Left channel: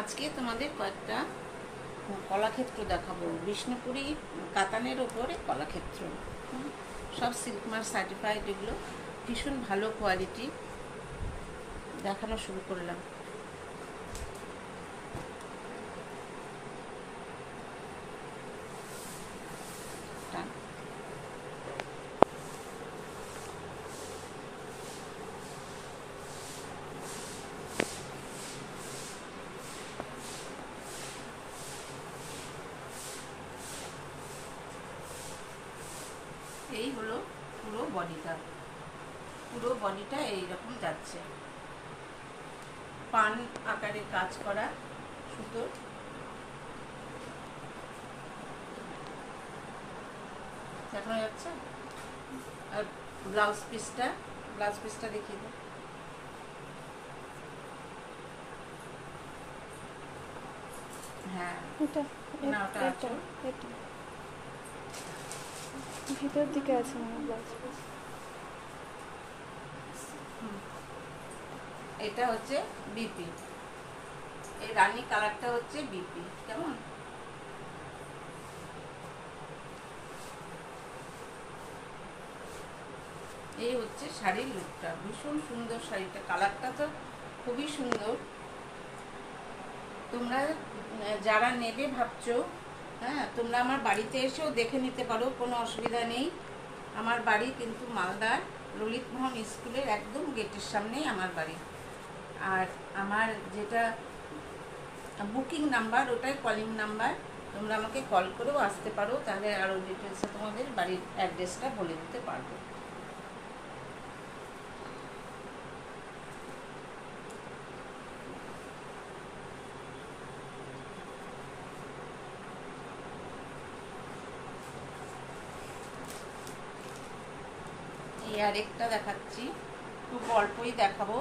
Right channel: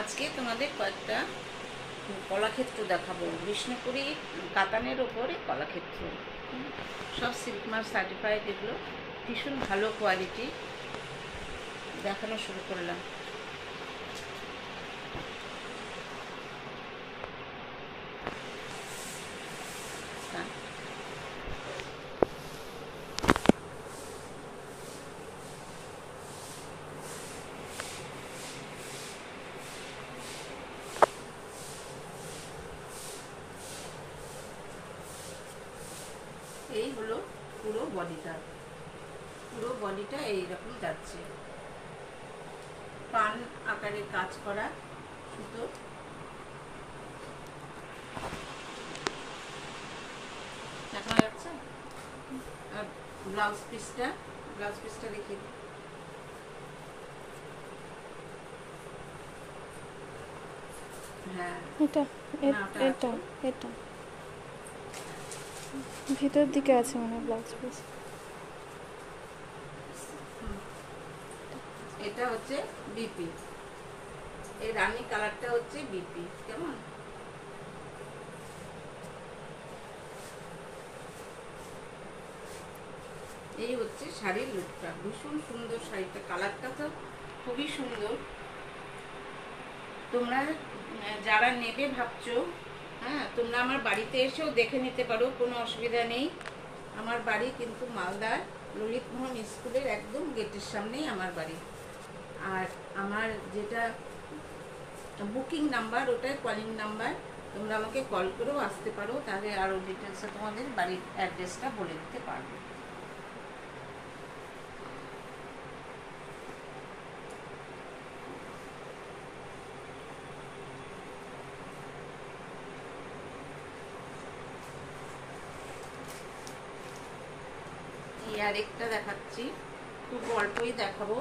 আজকে তোমাদের কয়েকটা কলাক্ষেত্র দেখাবো। বিষ্ণুপুরি কাতানের ওপরে কলাক্ষেত্র, সব সিল্ক মার্ক সার্টিফাইড। এগুলো ভীষণ ভালো কোয়ালিটি। দেখানো শুরু করলাম। এই হলো পুরো বডিটা এইরকম যাচ্ছে। পান আকারে কাজ করা সুতো, দেখা যাচ্ছে। আর ব্লাউজ পিসটা দেখিয়ে দিই। হ্যাঁ, এটা ভিতর দিকে আছে মনে হয় ব্লাউজ পিস। এটা হচ্ছে বিপি, এই রানী কালারটা হচ্ছে বিপি। কেমন? এই হচ্ছে শাড়ির লুকটা। ভীষণ সুন্দর শাড়িটা, কালারটা তো খুবই সুন্দর। তোমরা যারা নেবে ভাবছো, হ্যাঁ, তোমরা আমার বাড়িতে এসেও দেখে নিতে পারো, কোনো অসুবিধা নেই। আমার বাড়ি কিন্তু মালদার ললিত মোহন স্কুলের একদম গেটের সামনেই আমার বাড়ি। আর আমার যেটা বুকিং নাম্বার, ওটাই কলিং নাম্বার। তোমরা আমাকে কল করেও আসতে পারো, তাহলে আরও ডিটেলসে তোমাদের বাড়ির অ্যাড্রেসটা বলে দিতে পারবো। আরেকটা দেখাচ্ছি, খুব অল্পই দেখাবো।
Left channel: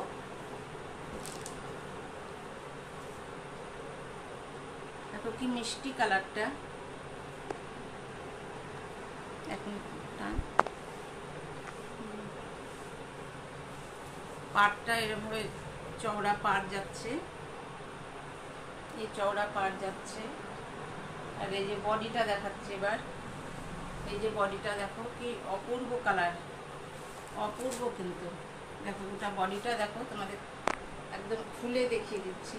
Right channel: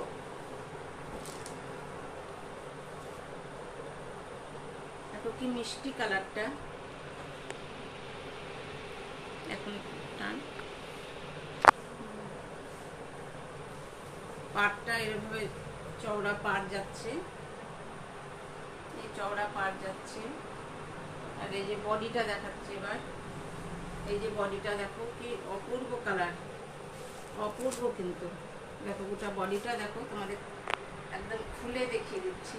এত কি মিষ্টি কালারটা। এখন পাড়টা এরভাবে চওড়া পাড় যাচ্ছে, এই চওড়া পাড় যাচ্ছে। আর এই যে বডিটা দেখাচ্ছে এবার, এই যে বডিটা দেখো কি অপূর্ব কালার, অপূর্ব। কিন্তু দেখো গোটা বডিটা দেখো, তোমাদের একদম খুলে দেখিয়ে দিচ্ছি।